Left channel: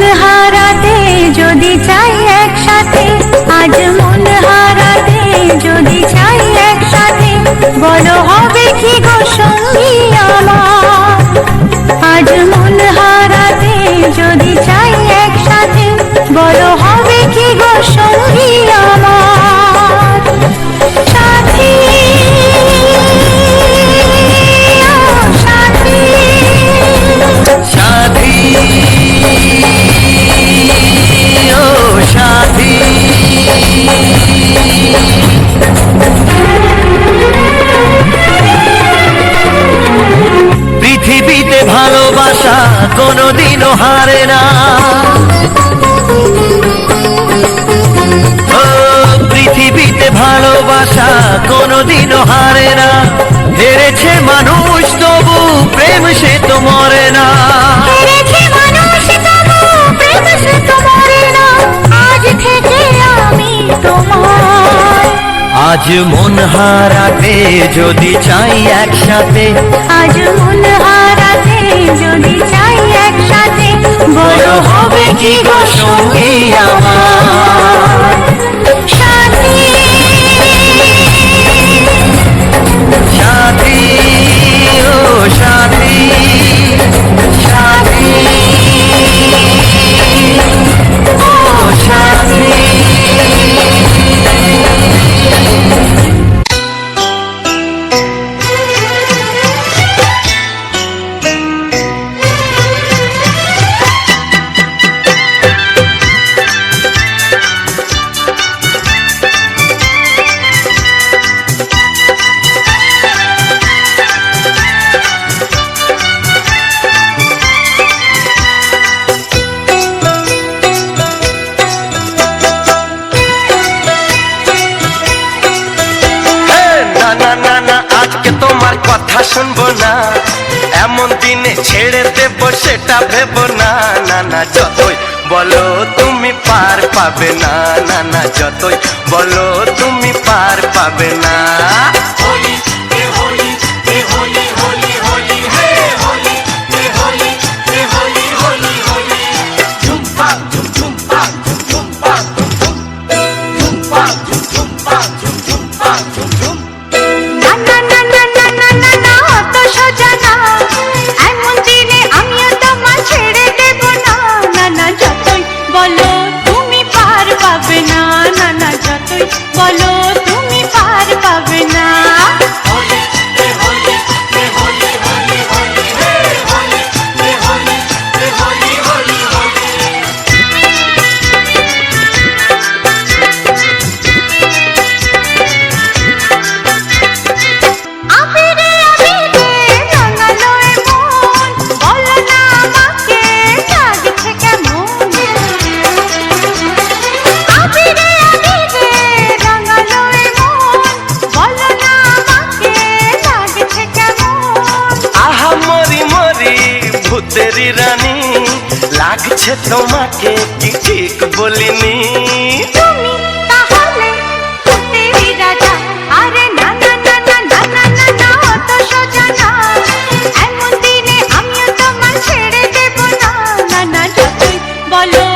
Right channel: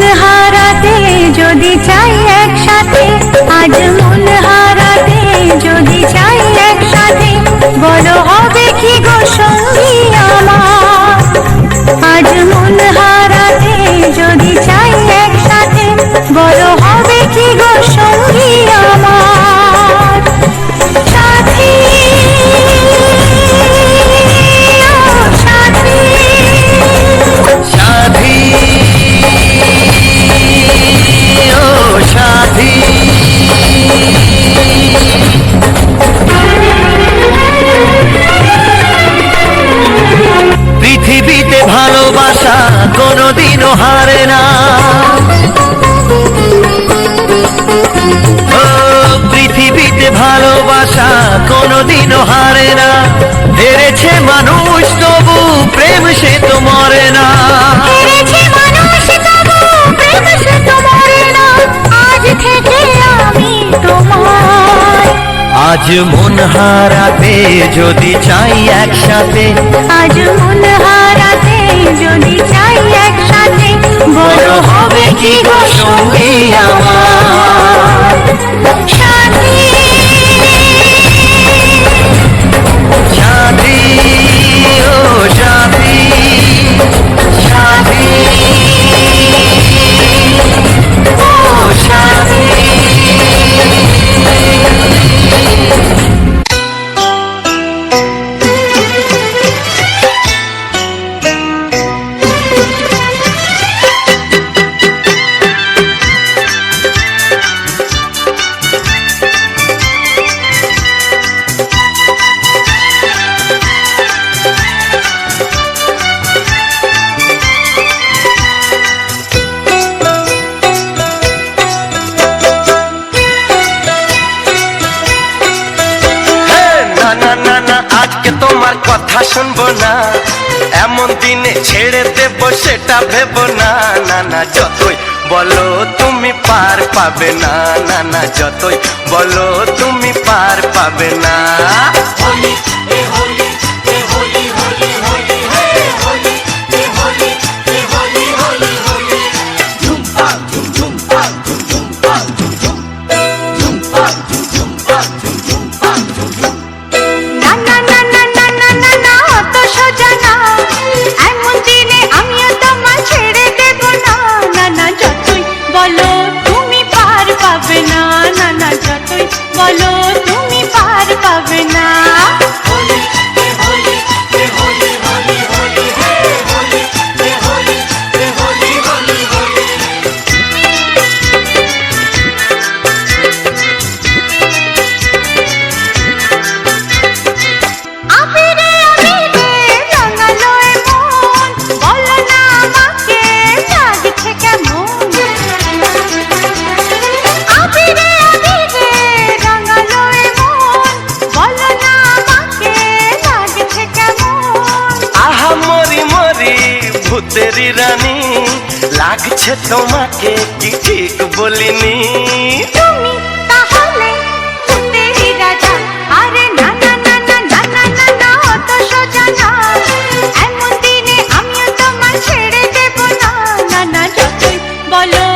মন হারাতে যদি চাই একসাথে, আজ মন হারাতে যদি চাই একসাথে, বলো হবে কি গো সঙ্গী আমার। আজ মন হারাতে যদি চাই একসাথে, বলো হবে কি গো সঙ্গী আমার। সাথী সাথী ও সাথী, পৃথিবীতে ভালোবাসা কোনোদিনও হারে না। ও পৃথিবীতে ভালোবাসা কোনোদিনও হারে না। হেরেছে মানুষ তবু প্রেম সে তো মরে না। আজ থেকে আমি তোমার। আজ মন হারাতে যদি চাই একসাথে, আজ মন হারাতে যদি চাই একসাথে, বড় হবে কি গো সঙ্গী আমার। সাথী সাথী ও সাথী, সাথী ও সাথী। আজকে তোমার কথা শুনবো না, এমন দিনে ছেড়ে দেবো সেটা ভেবো না। না না যতই বলো তুমি পার পাবে না, না না যতই বলো তুমি পার পাবে না। বলো তুমি পার পাবে না, না না যতই বলো তুমি পার পাবে না। ভূতেরি রানী লাগছে তোমাকে কি ঠিক বলিনি? তুমি তাহলে ভূতেরি রাজা। আরে না না না না না না না না অত সোজা না, এমন দিনে আমিও তোমার ছেড়ে দেব না। না না যতই বলো